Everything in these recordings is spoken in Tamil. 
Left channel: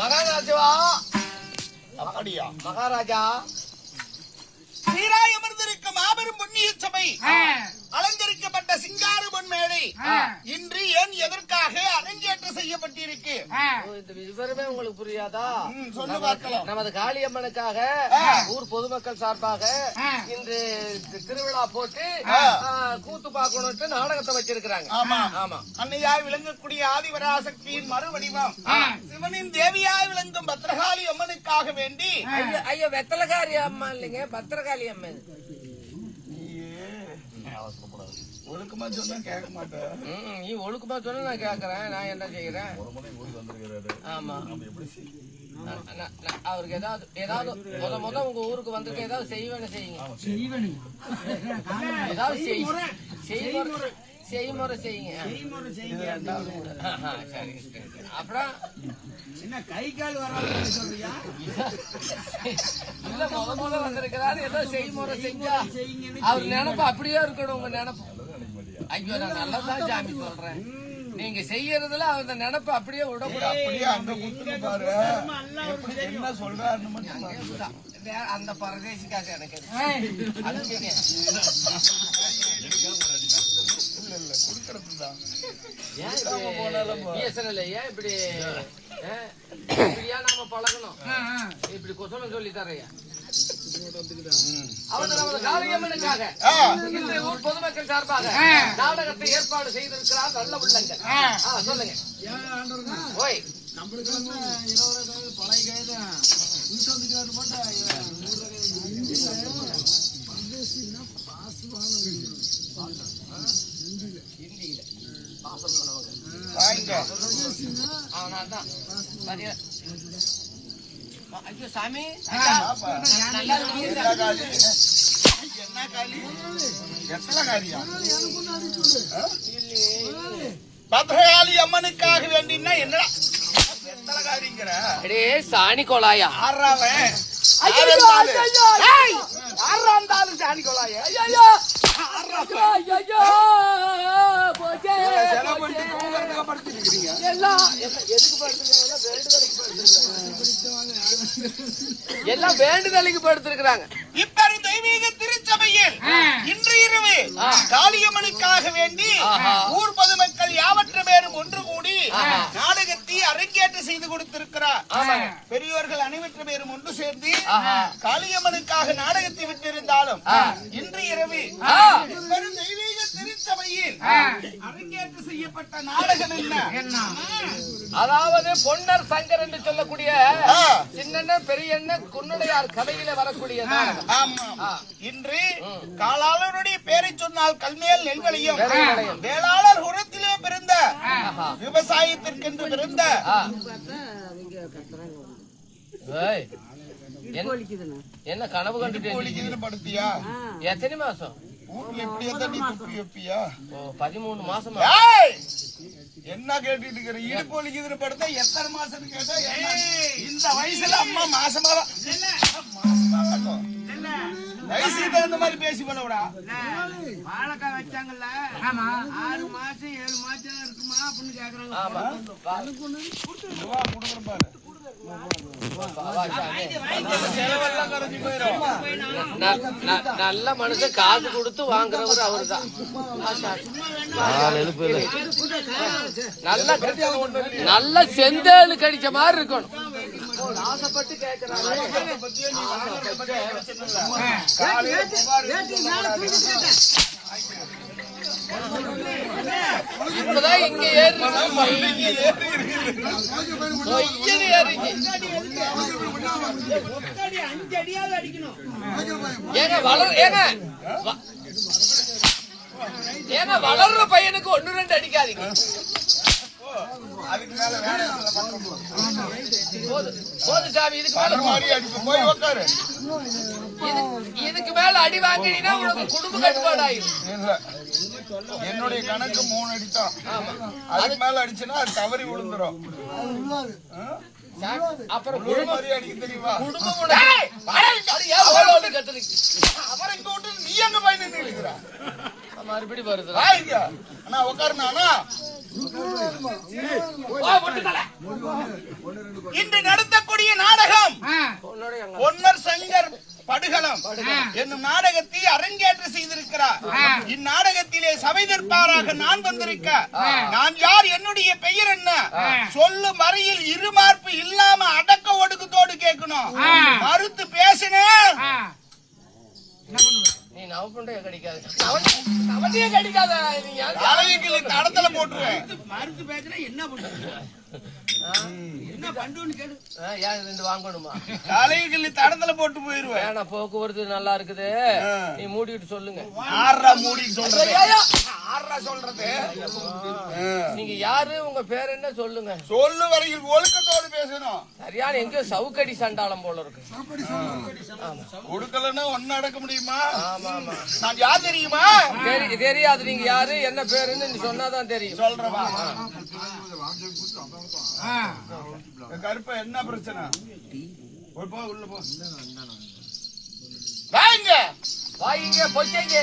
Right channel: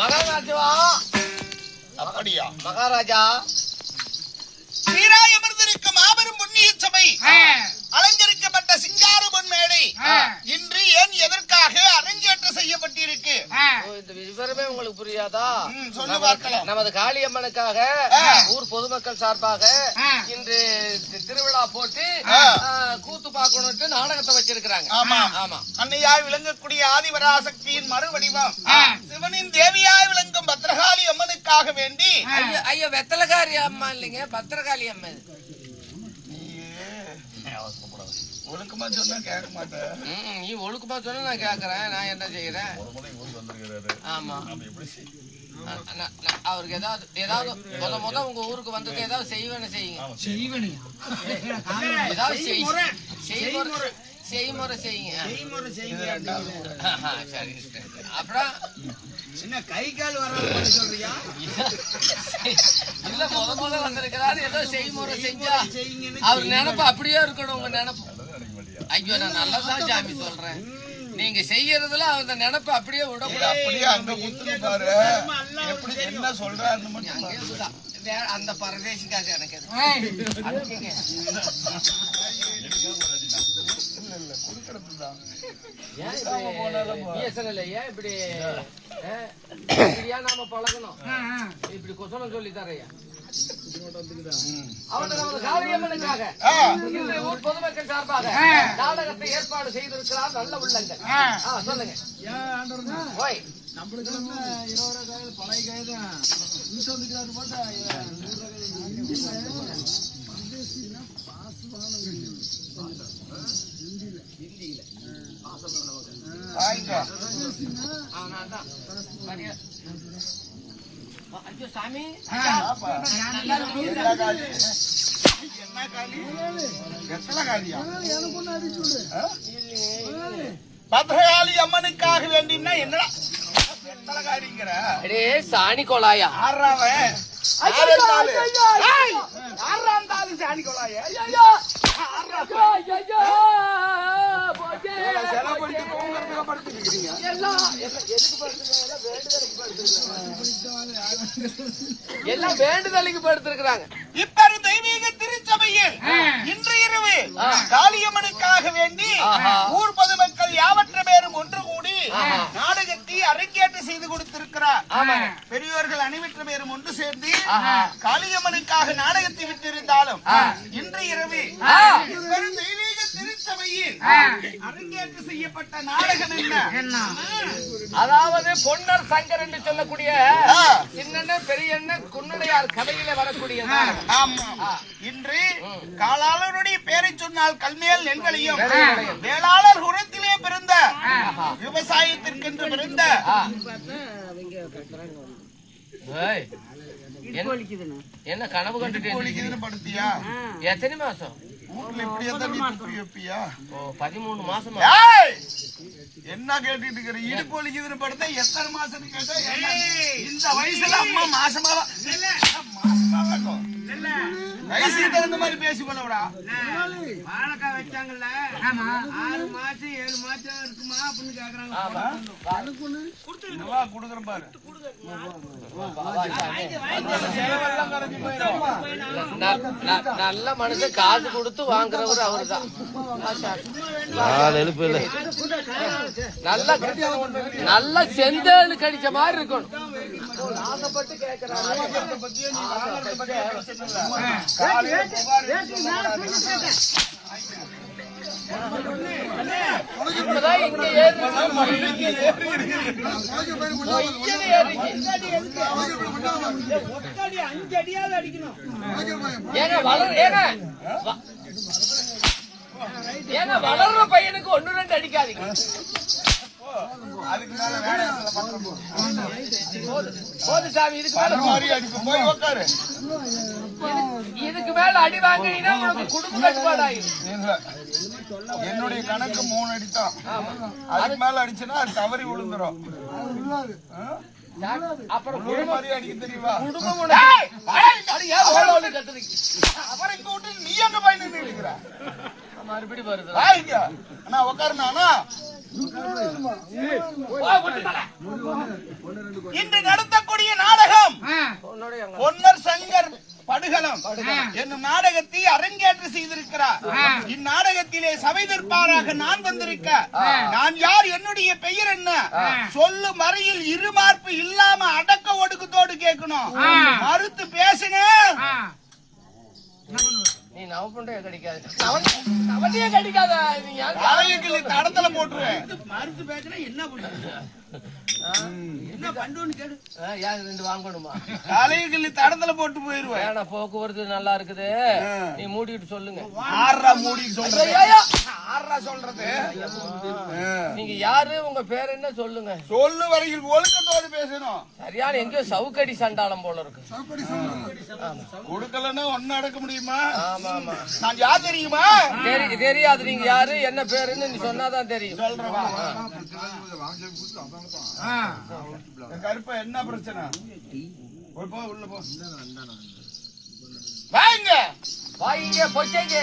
மகாராஜா. அப்படியா? மகாராஜா சீராய் அமர்ந்திருக்கும் மாபெரும் புண்ணிய சபை, அலங்கரிக்கப்பட்ட சிங்கார பொன்மேடை இன்று ஏன் எதற்காக அரங்கேற்றம் செய்யப்பட்டிருக்கு? இந்த விவரமே உங்களுக்கு புரியாதா? சொல்லு பார்க்கலாம். நமது காளியம்மனுக்காக ஊர் பொதுமக்கள் சார்பாக இன்று திருவிழா போட்டு கூத்து பார்க்கணும்னு நாடகத்தை வச்சிருக்கிறாங்க. ஆமா ஆமா. அன்னையாய் விளங்கக்கூடிய ஆதிபராசக்தியின் மறுவடிவம் சிவனின் தேவியாய் விளங்கும் பத்ரகாளி அம்மனுக்காக வேண்டி. ஐயோ வெத்தலகாரி அம்மா இல்லைங்க, பத்திரகாளி அம்மா. ஒழுக்கமா சொன்னா கேட்க மாட்டேன். நீ ஒழுக்கமா சொன்னா நான் கேக்குறேன். நான் என்ன செய்யறேன்? ஆமா. அவருக்கு ஏதாவது முத உங்க ஊருக்கு வந்தது ஏதாவது செய்வேன்னு செய்யுங்க. ஏதாவது செய்முறை செய்யுங்க. சரி. அப்புறம் என்ன கை கால் வராது சொல்றியா? இல்ல முத வந்திருக்கிறாரு, ஏதோ செய்முறை செஞ்சா அவர் நினைப்பு அப்படியே இருக்கணும். உங்க நினைப்பு. ஐயோ நான் நல்லதான் சாமி சொல்றேன். நீங்க செய்யறதுல அந்த நினைப்பு அப்படியே விடக்கூடாது. அப்படியே அங்க குத்துன்னு பாரு. எப்படி என்ன சொல்றாருன்னு மட்டும் அந்த பரதேசிக்காக எனக்கு இல்ல குடுக்கறதுதான். ஏன் இப்படியா நாம பழகணும்? இப்படி கொசனம் சொல்லி தரையா? காளியம்மனுக்காக இன்றைய ஊர் பொதுமக்கள் சார்பாக நாடகத்தை ஏற்பாடு செய்திருக்கிறார் நல்ல உள்ளங்கள். சொல்லுங்க. ஓய் நம்மளுக்கு 20 பழைய கைதான் போட்டா ஐயோ சாமி, பத்ரகாளி அம்மனுக்காக வேண்டினா என்னடா வெத்தலகாரிங்கிற? சாணி கொலாயா ஆறாவன் சாணி கொலாய எல்லாம் வேண்டுதலுக்கு படுத்திருக்கிறாங்க. இப்பரு தெய்வீக திருச்சபையில் இன்று இரவு காளியம்மனுக்காக வேண்டி ஊர் பொதுமக்கள் யாவற்ற பேரும் ஒன்று கூடி நாடகத்தை அரங்கேற்று செய்து கொடுத்திருக்கிறார். பெரியோர்கள் அனைவற்ற பேரும் ஒன்று சேர்ந்து காளியம்மனுக்காக நாடகத்தை விட்டிருந்தாலும் இன்று இரவு தெய்வீக திருச்சபையில் அரங்கேற்று செய்யப்பட்ட நாடகம் என்ன? அதாவது பொன்னர் சங்கர் என்று சொல்லக்கூடிய சின்ன பெரிய குன்னடையார் கதையில வரக்கூடிய இன்று காலாளருடைய பேரை சொன்னால் கல்மேல் நெல்வெளியும் வேளாளர் குலத்திலே பிறந்த விவசாயத்திற்கென்று பிறந்த என்ன கனவு கண்டு படுத்தியா? எத்தனை மாசம் வீட்டுல இப்படியே தான் நீ துப்பி வைப்பியா? 13 மாசம். என்ன கேட்டுட்டு இருக்கிற? இடுப்பு வலிக்குதுன்னு படுத்தா எத்தனை மாசம் கேட்டா இந்த வயசுல அம்மா மாசமா வயசுக்கு தகுந்த மாதிரி பேசி பண்ணவிடா. வாழைக்காய் வச்சாங்கல்ல 6 மாசம் 7 மாசம் இருக்குமா அப்படின்னு கேக்குறாங்க. கொடுக்குறேன் பாரு. நல்ல மனுஷன் காசு கொடுத்து வாங்குறவர் அவருதான். நல்ல செந்தேளு கடிச்ச மாதிரி இருக்கணும். இப்பதான் இங்க ஏன்னா வளர்ற பையனுக்கு 1-2 அடிக்காதீங்க. இதுக்கு மேல அடி வாங்கினா உனக்கு குடும்ப கட்டுப்பாடாயிரும். என்னுடைய கணக்கு 3 அடித்தான். அதுக்கு மேல அடிச்சுன்னா அது தவறி விழுந்துரும். அப்புறம் மாதிரி அடிக்க தெரியுமா? அவரை கூட்டு நீ எங்க போய் நின்று இருக்கிற? மறுபடியும் வருது. அண்ணா உட்காருண்ணா. இன்று நடத்தக்கூடிய நாடகம் பொன்னர் சங்கர் படுகளம் என்னும் நாடகத்தை அரங்கேற்று செய்திருக்கிறார். இந்நாடகத்திலே சபைதற்பாராக நான் வந்திருக்க, நான் யார், என்னுடைய பெயர் என்ன, சொல்லும் வரையில் இருமார்பு இல்லாம அடக்க ஒடுக்கத்தோடு கேட்கணும். மறுத்து பேசினேன் நீ நவ பண்றே கிடைக்காது, நவட்டியே கிடைக்காத. தலைவிக்கு தடத்துல போட்டுருவேன். மறுத்து பேசுனா என்ன பண்றது, என்ன பண்றோன்னு கேளு. ஏன் ரெண்டு வாங்கணுமா? தலைவிக்கு தடத்துல போட்டு போயிருவேன். வேணா, போக்குவரத்து நல்லா இருக்குது, நீ மூடிட்டு சொல்லுங்க. ஆறா மூடி சொல்றேன். ஆறா சொல்றது. நீங்க யாரு, உங்க பேர் என்ன சொல்லுங்க. சொல்லு வரையில் ஒழுக்கத்தோடு பேசணும். சரியான எங்கேயோ சவுக்கடி சண்டாளம் போல இருக்கு. கொடுக்கலன்னா ஒன்னு அடக்க முடியுமா? நான் யார் தெரியுமா? தெரியாது. நீங்க யாரு, என்ன பேருன்னு நீ சொன்னாதான் தெரியும். சொல்றவா கருப்பா, என்ன பிரச்சனை? போ, உள்ள போ. வாங்க வாங்க, பொச்சைங்க.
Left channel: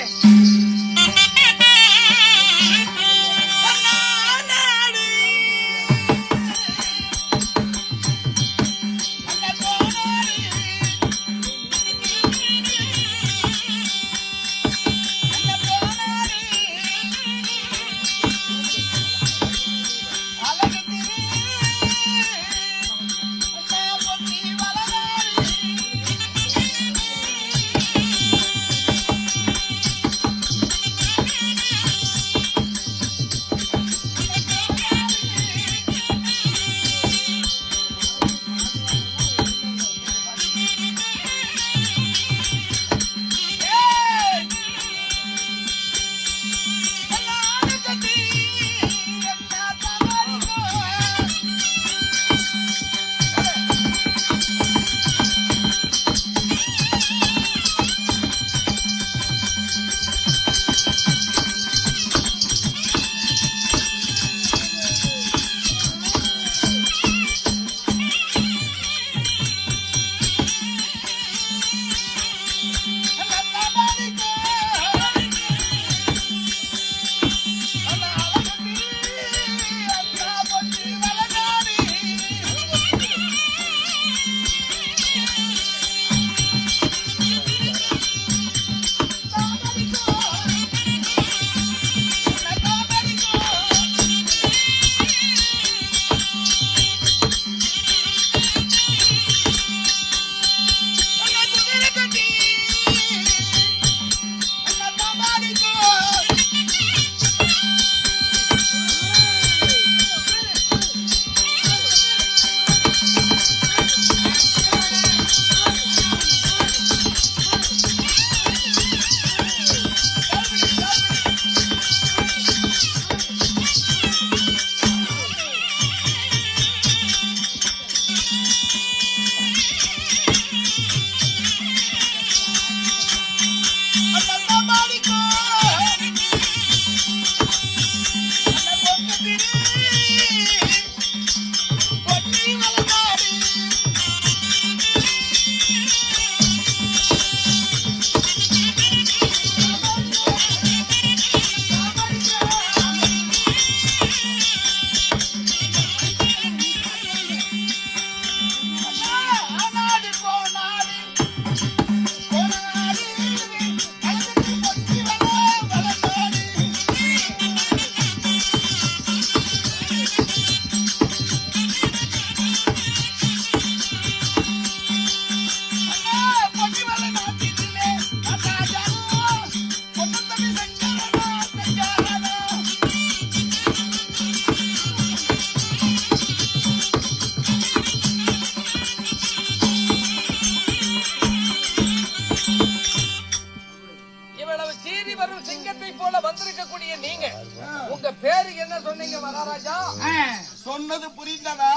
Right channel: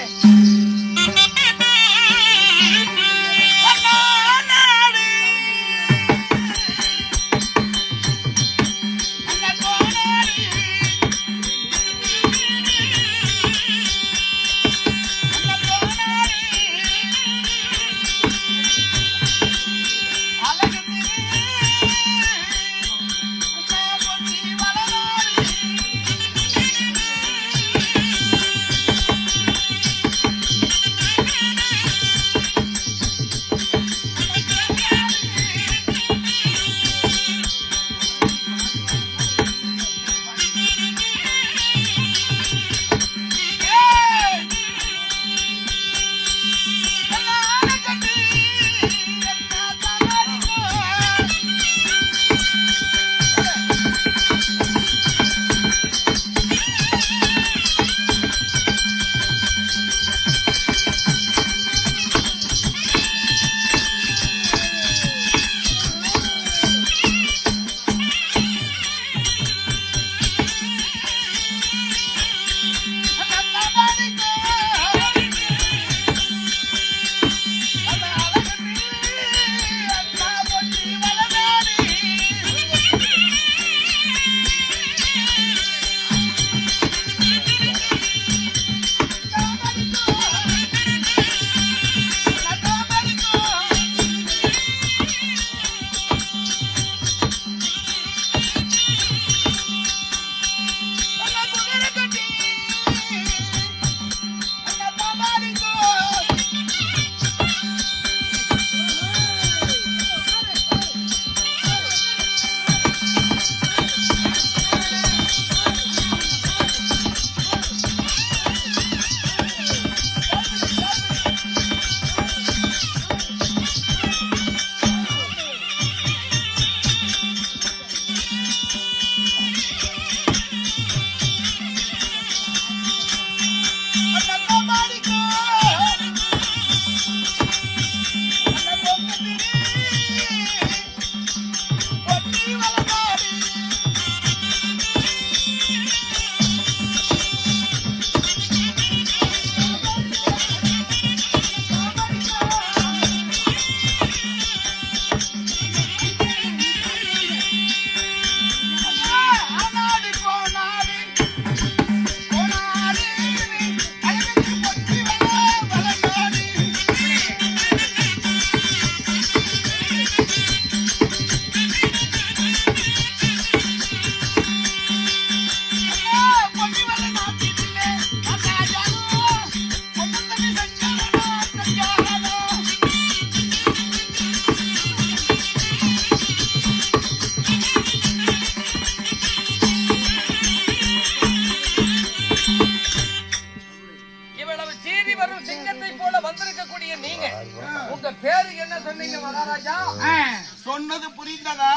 சொன்னது புரிந்ததா?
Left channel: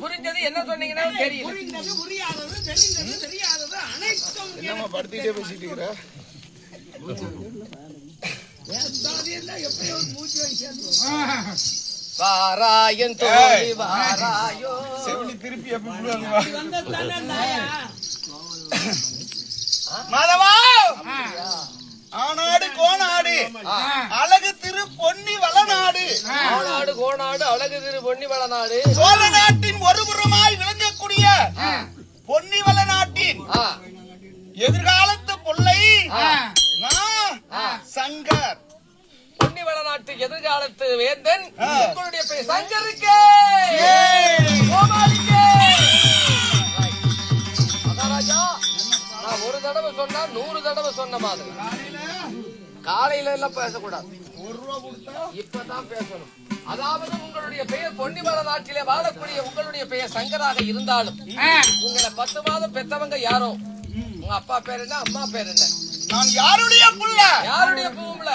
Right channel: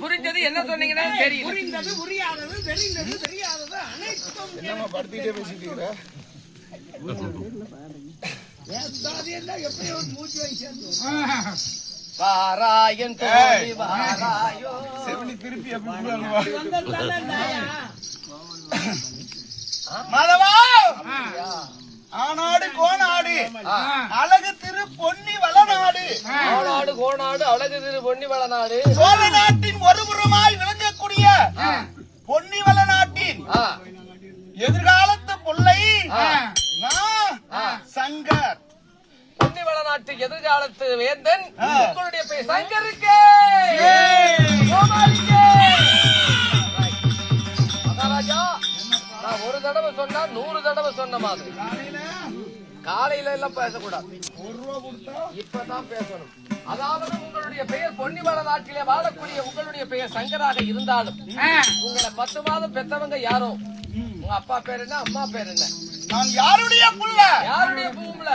புரிஞ்சது. என்ன சொன்னீங்கன்னா தெரியும். புரிந்தது, புரியாதது, தெரிந்தது, தெரியாதது அனைத்தும். என்னம்மா படுத்திட்டே பேசிட்டு இருக்கிற? எப்படியோ மூச்சு வயசு வாராயன் தோழி வாராயோ. செவிலி திருப்பி மாதவா, ஆனாடு கோனாடு அழகு திரு திரு பொன்னி வளநாடு, கோநாடு கோநாடு அழகு திரு பொன்னி வளநாடு, சோழ நாட்டின் ஒருபுறமாய் விளங்கக்கூடிய பொன்னி வளநாட்டின் எதிர்காலத்து பிள்ளை சங்கர். பொன்னி வளநாட்டு எதிர்காலத்து வேந்தன் உங்களுடைய பெயர் சங்கருக்கு. மகாராஜா, நான் ஒரு தடவை சொன்னா 100 தடவை சொன்ன மாதிரி காலையில எல்லாம் பேசக்கூடாது. இப்பதான் பேசணும். அதாவது உங்களுடைய பெயர் பொன்னி வளநாட்டிலே வாழக்கூடிய உங்களுடைய பெயர் சங்கராக இருந்தாலும் உங்களை 10 மாதம் பெற்றவங்க யாரோ, உங்க அப்பா பேர் என்ன, அம்மா பேர் என்ன? நான் யாருடைய புள்ள? யாருடைய பூமில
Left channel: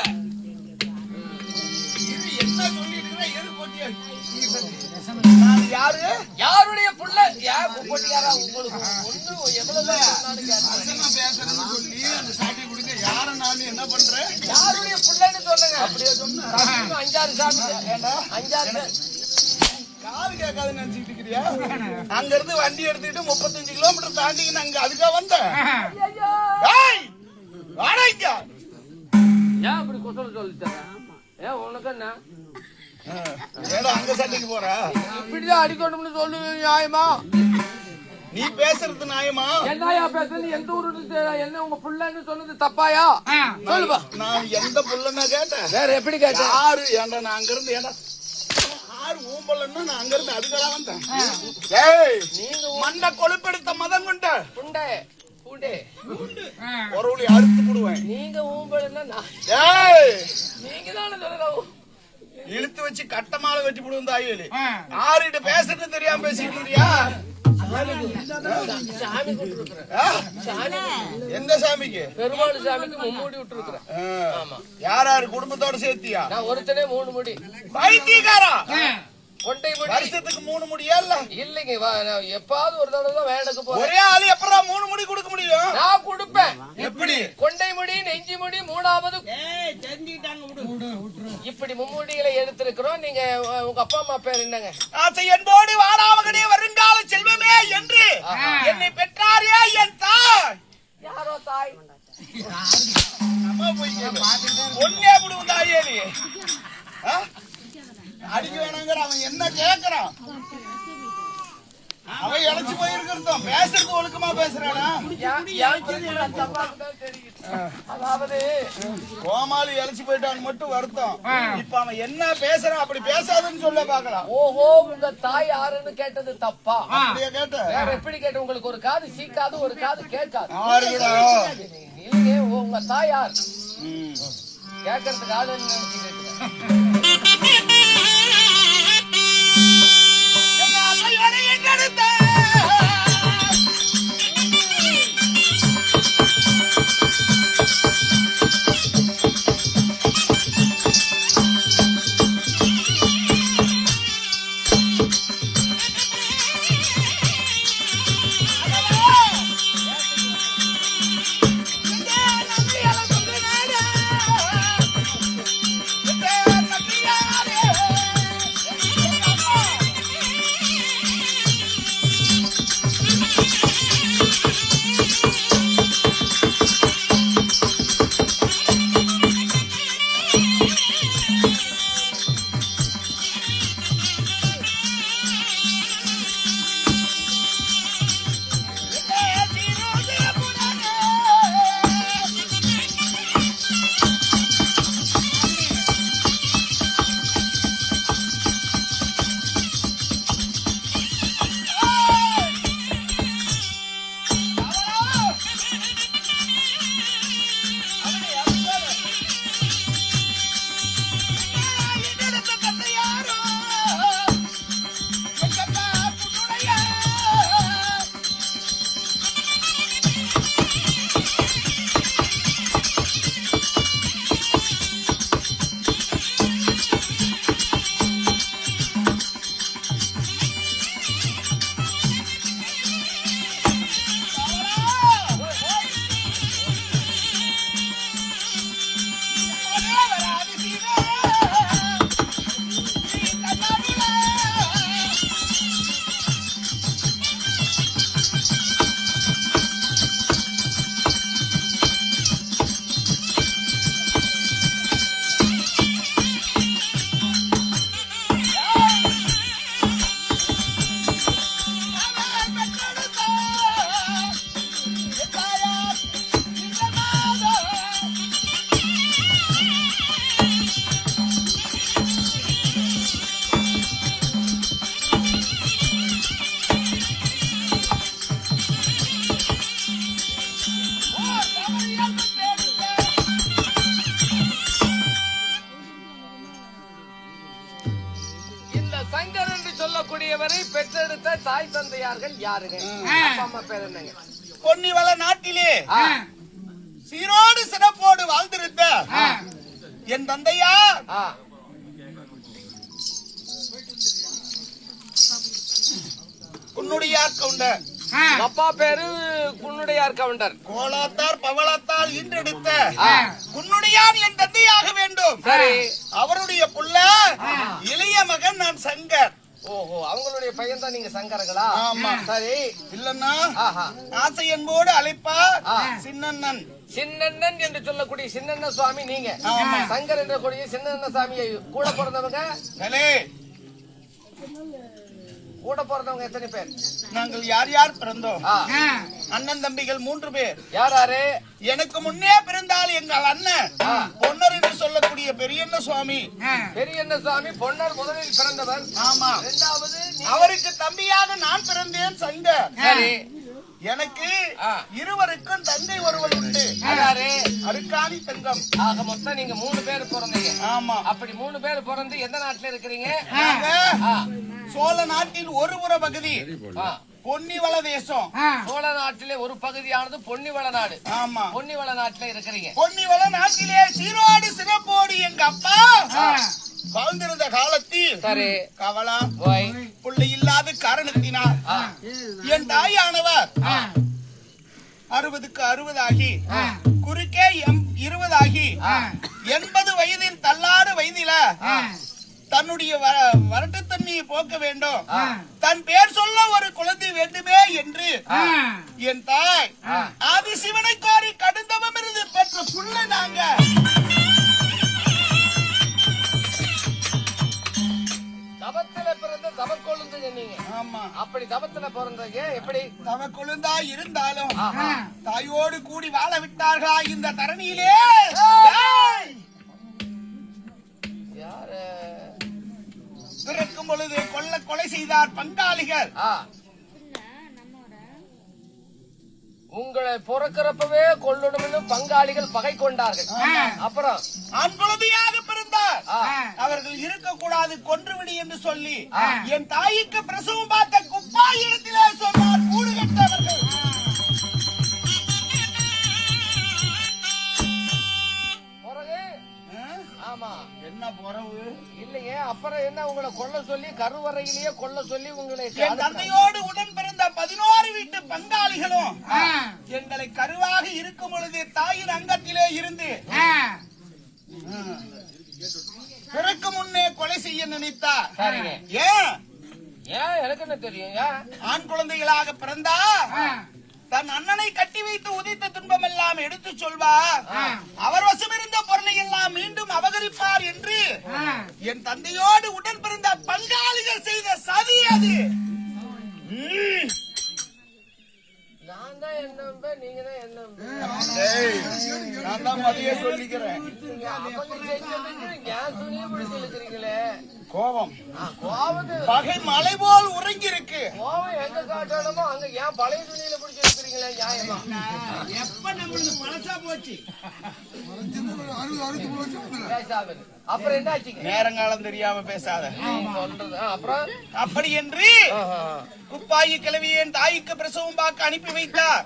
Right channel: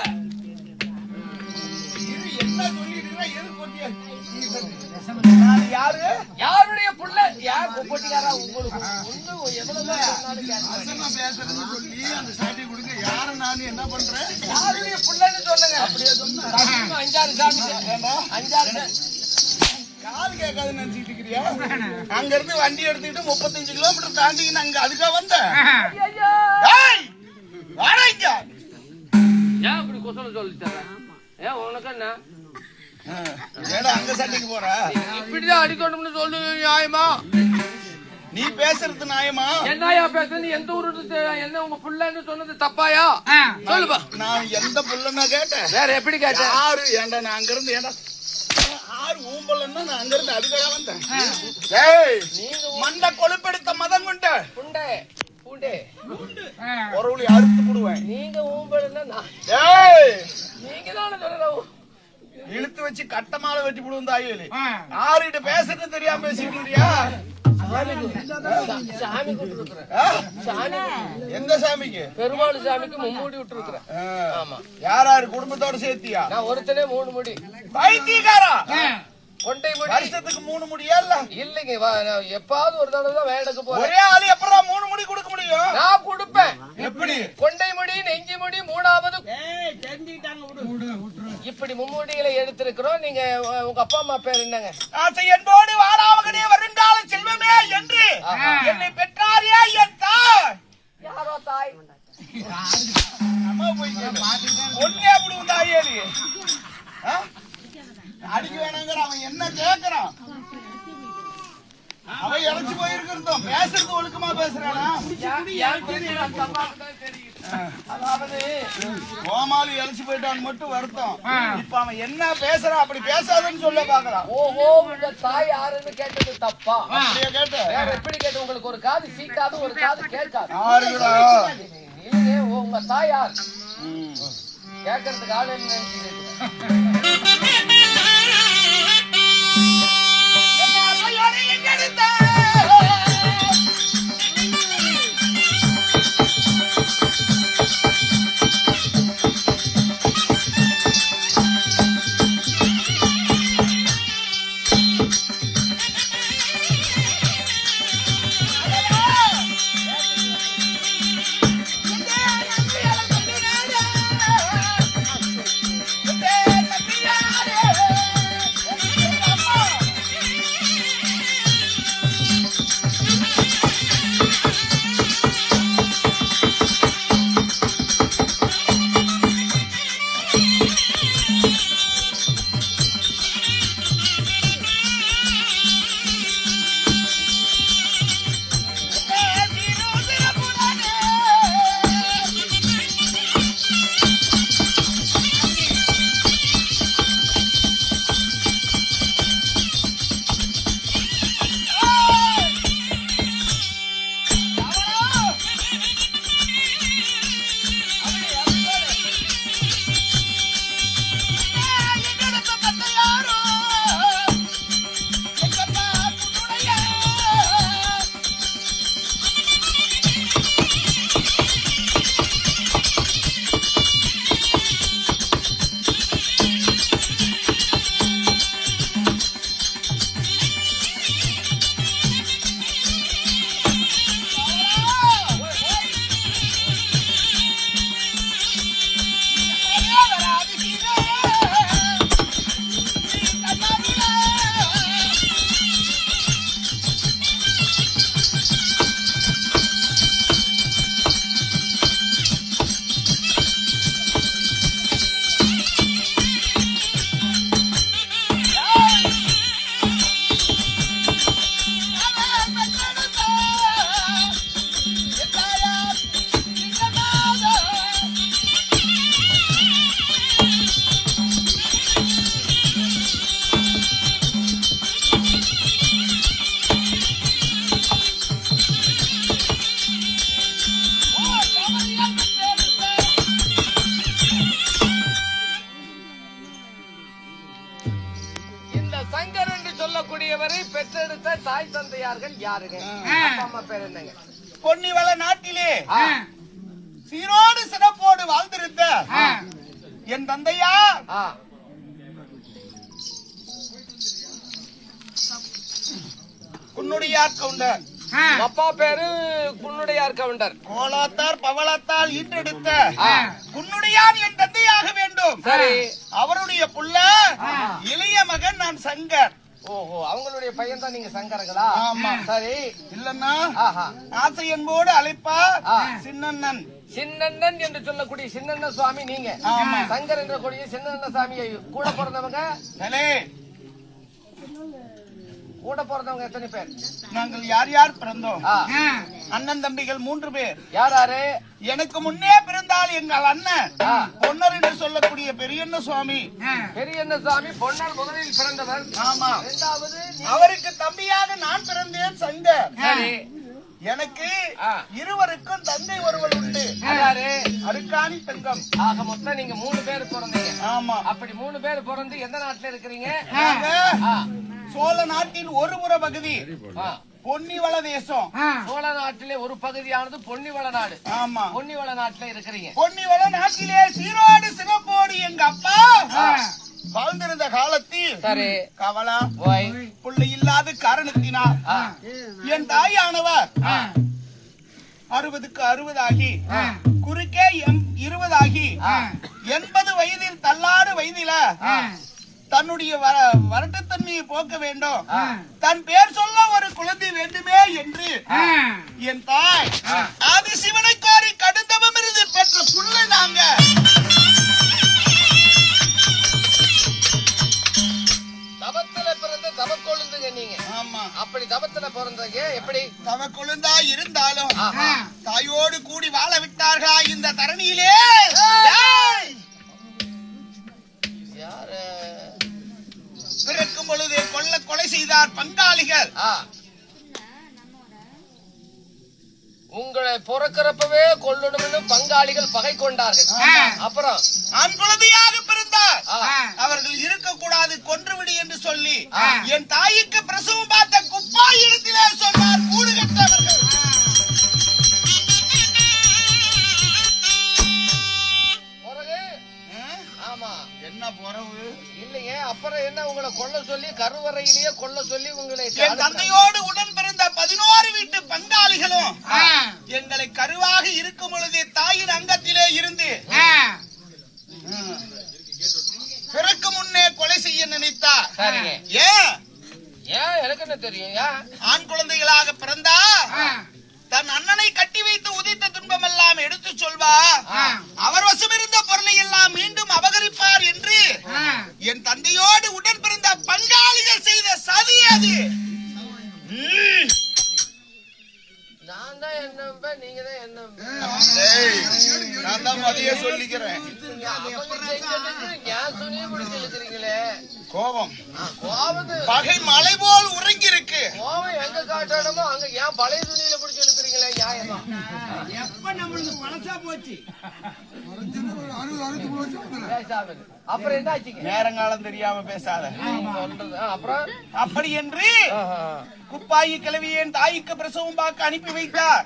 என்ன சொல்லிட்டு நான் யாரு? யாருடைய புள்ள? யார் கொட்டியாரா? உங்களுக்கு பேசுறேன்னு சொல்லி அந்த சாட்டி குடிச்ச யார நான் என்ன பண்றேன்? யாருடைய புள்ளன்னு சொல்லுங்க. அப்படியே சொன்னா 5-6 சாமி, 5-6 காது கேட்காதுன்னு நினைச்சிட்டு இருக்கிறியா? அங்க இருந்து வண்டி எடுத்துக்கிட்டு 35 கிலோமீட்டர் தாண்டின்னு அங்க அதுக்காக வந்தேன். ஏன் அப்படி கொசலம் சொல்லிட்டாங்க? ஏன் உனக்கு என்ன அங்க சண்டைக்கு போற? இப்படிதான் அடிக்கணும்னு சொல்லு. நியாயமா? நீ பேசுறது நியாயமா? என்னையா பேசுறது? எந்த ஊரு என்ன உங்க புள்ளன்னு சொன்னது தப்பாயா? சொல்லுப்பா. நான் எந்த புள்ளன்னா கேட்டேன். வேற எப்படி கேட்டேன்? யாரு? ஏண்டா நான் அங்க இருந்து ஏண்டா யாரு ஊம்பலன்னா நான் அங்க இருந்து அதுக்காக வந்தேன். நீங்க மண்ட கொழுப்பெடுத்த மதம் கொண்ட புண்டை பூண்டே பொருளை அறுத்து போடுவேன். நீங்க ஊம்பலன்னா நீங்க தானே சொல்லணும். இழுத்து வச்சு கட்டமால வெட்டி போடுவோம் தாயலி. ஆறுகிட்ட பேசுறது தெரியாம பேசிட்டு இருக்கியா? சாமி விட்டுருக்குறேன். எந்த சாமிக்கு? பெருமாள் சாமிக்கு மும்மூடி விட்டுருக்குறேன். யார் யாரு குடும்பத்தோட சேர்த்தியா? நான் ஒருத்தனே 3 முடி. பைத்தியக்காரா, கொண்டை முடி வருஷத்துக்கு 3 முடியா? இல்லைங்க, எப்பாவது ஒரு தடவை தான் வேலைக்கு போறேன். ஒரே ஆளு எப்படா 3 முடி கொடுக்க முடியும்? நான் கொடுப்பேன். எப்படி? கொண்டை முடி, நெஞ்சி முடி, 3வது தெரிஞ்சுக்கிட்டாங்க. இப்படி மும்மூடிகளை எடுத்திருக்கிறோம். நீங்க உங்க அப்பா அம்மா பேர் என்னங்க? ஆசை என்போடு வாராமகனே வருங்கால செல்வமே என்று என்னை பெற்றாரே என் தாய். யாரோ தாய்? அம்மா போய் ஒன்னே விடுவோம் தாயேலி. அடிக்க வேணாங்கிற அவன் என்ன கேக்குறான்? அவன் இழைச்சு போயிருக்கிறதும் பேசுறது ஒழுக்கமா பேசுறானா? அதாவது கோமாளி இழைச்சு போயிட்டான்னு மட்டும் வருத்தம். இப்ப அவன் என்ன பேசுறான்? அப்படி பேசாதுன்னு சொல்ல பாக்குறான். ஓஹோ, உங்க தாய் யாருன்னு கேட்டது தப்பா? அப்படியே கேட்ட வேற எப்படி கேட்டு? உங்களுக்கு ஒரு காது சீக்காது, ஒரு காது கேட்காது. யாருடா? உங்க தாய் யார் கேட்கறதுக்கு ஆள் என்ன நினைச்சு கேக்குறான். தாய் தந்தையார்கள் யாருங்க? அப்பா அம்மா பேர் என்னங்க? பொன்னிவள நாட்டிலே ஆ, சீரோடு சிறப்போடு வாழ்ந்திருந்த என் தந்தையார் ஆ, உன்னுடையார் கவுண்டர் அப்பா பேரு குன்னுடையார் கவுண்டர். கோலாத்தார் பவளத்தால் ஈன்றெடுத்த ஆ, உன்னுடையார் என் தந்தையாக வேண்டும். சரி. அவருடைய புள்ள இளைய மகன் நான் சங்கர். ஓஹோ, அவங்களுடைய பையன் தான் நீங்க சங்கரங்களா? ஆமா. சரி. இல்லன்னா ஆஹா. ஆசை என்போடு அழைப்பா ஆ. சின்னண்ணன். சின்னண்ணன் என்று சொல்லக்கூடிய சின்னண்ண சுவாமி நீங்க. ஆமா. சங்கர் என்ற கூடிய சின்னண்ண சாமியை கூட பிறந்தவங்க சலே, கூட பிறந்தவங்க எத்தனை பேர்? நாங்கள் யார் யார் பிறந்தோம்? ஆ, அண்ணன் தம்பிகள் 3 பேர். யாராரு? எனக்கு முன்னே பிறந்தால் எங்கள் அண்ணன் பொன்னர் என்று சொல்லக்கூடிய பெரியண்ண சுவாமி. பெரியண்ண சுவாமி பொன்னர் முதலில் பிறந்தவர். ஆமா. இரண்டாவது அவருக்கு தம்பியாக நான் பிறந்தேன் சங்கர். சரி. எனக்கு ஆ. இருவருக்கும் தந்தை ஒருவர் உண்டு. யாரு? அருக்காணி தங்கம். ஆக மொத்தம் நீங்க 3 பேர் பிறந்தீங்க. ஆமா. அப்படி 3 பேர் பிறந்து எந்த நாட்டுல இருக்கிறீங்க? நாங்க ஆ, சோழ நாட்டின் ஒரு புற பகுதி ஆ. பொன்னிவள தேசம். சோழ நாட்டிலே ஒரு பகுதியானது பொன்னிவள நாடு. ஆமா. பொன்னிவள நாட்டுல இருக்கிறீங்க. பொன்னிவள நாட்டிலே சீரோடு சிறப்போடு எங்க அப்பா வாழ்ந்திருந்த காலத்தில் சரி. கவலா ஓய். பிள்ளை இல்லாத காரணத்தினால் ஆ, என் தாயானவர் 60க்கு 60 ஆகி குறுக்கே 20 ஆகி 80 வயதில் தள்ளாடு வயதில தன்னுடைய வரட்டுத்தன்மையை போக்க வேண்டும், தன் பேர் சொல்ல ஒரு குழந்தை வேண்டுமே என்று என் தாய் ஆதி சிவனை கோரி கடுந்தவம் இருந்து பெற்ற புள்ள நாங்க. தவத்துல பிறந்த தவ கொழுந்துங்க நீங்க. ஆமா. அப்படி தவத்துல பிறந்தீங்க. எப்படி? தவ கொழுந்தா இருந்தாலும் ஆஹா. தாயோடு கூடி வாழ விட்டார்களா இந்த தரணியிலே? ஏய்! யாரு? பிறக்கும் பொழுது கொலை செய்தார் பங்காளிகள். ஆ. உங்களை பிறக்கிறப்பவே கொல்லணும்னு பங்காளிகள் பகை கொண்டார்கள். அப்புறம் ஆண் குழந்தையாக பிறந்தார். ஆ. அவர்கள் இருக்கக்கூடாது, கொன்றுவிடு என்று சொல்லி என் தாய்க்கு பிரசவம் பார்த்த குப்பாய் இடத்திலே சொன்னார் கூடு கட்டவர்கள். பிறகு ஆமா. என்ன பொறவு இல்லைங்க. அப்புறம் என்ன உங்களை கொல்ல சொல்லி கருவறையிலேயே கொல்ல சொல்லி உங்களை என் தந்தையோடு உடன் பிறந்த 11 வீட்டு பங்காளிகளும் எங்களை கருவாக இருக்கும் பொழுது தாயின் அங்கத்திலே இருந்து பிறக்கு முன்னே கொலை செய்ய நினைத்தார். சரிங்க. ஏன்? ஏன் எனக்கு என்ன தெரியும்? ஏன்? ஆண் குழந்தைகளாக பிறந்தா தன் அண்ணனை கட்டி வைத்து உதைத்த துன்பம் எல்லாம் எடுத்து சொல்வா, அவர் வசமிருந்த பொருளை எல்லாம் மீண்டும் அபகரிப்பார் என்று என் தந்தையோடு உடன் பிறந்த பங்காளிகள் செய்த சதி அது. நான் தான் என்ன நம்பேன், நீங்க தான் என்ன நம்பேன். நான் தான் மதிய சொல்லிக்கிறேன். ஏன் துணியை பிடிச்சு இழுக்கிறீங்களே? கோபம் கோவது பகை மலை போல் உறங்கி இருக்கு. கோவம் எங்க காட்டணுமோ அங்க ஏன் பழைய துணியில பிடிச்சு இழுக்கிறீங்களே? நியாயமா? எப்ப நம்மளுக்கு பழசா போச்சு? பேசாமல். அப்புறம் என்ன ஆச்சுங்க? நேரங்காலம் தெரியாம பேசாத. சொல்றது. அப்புறம் அப்படி என்று குப்பாயி கிழவியின் தாய்க்கு பிரசவம் பார்க்க அனுப்பி வைத்தார்.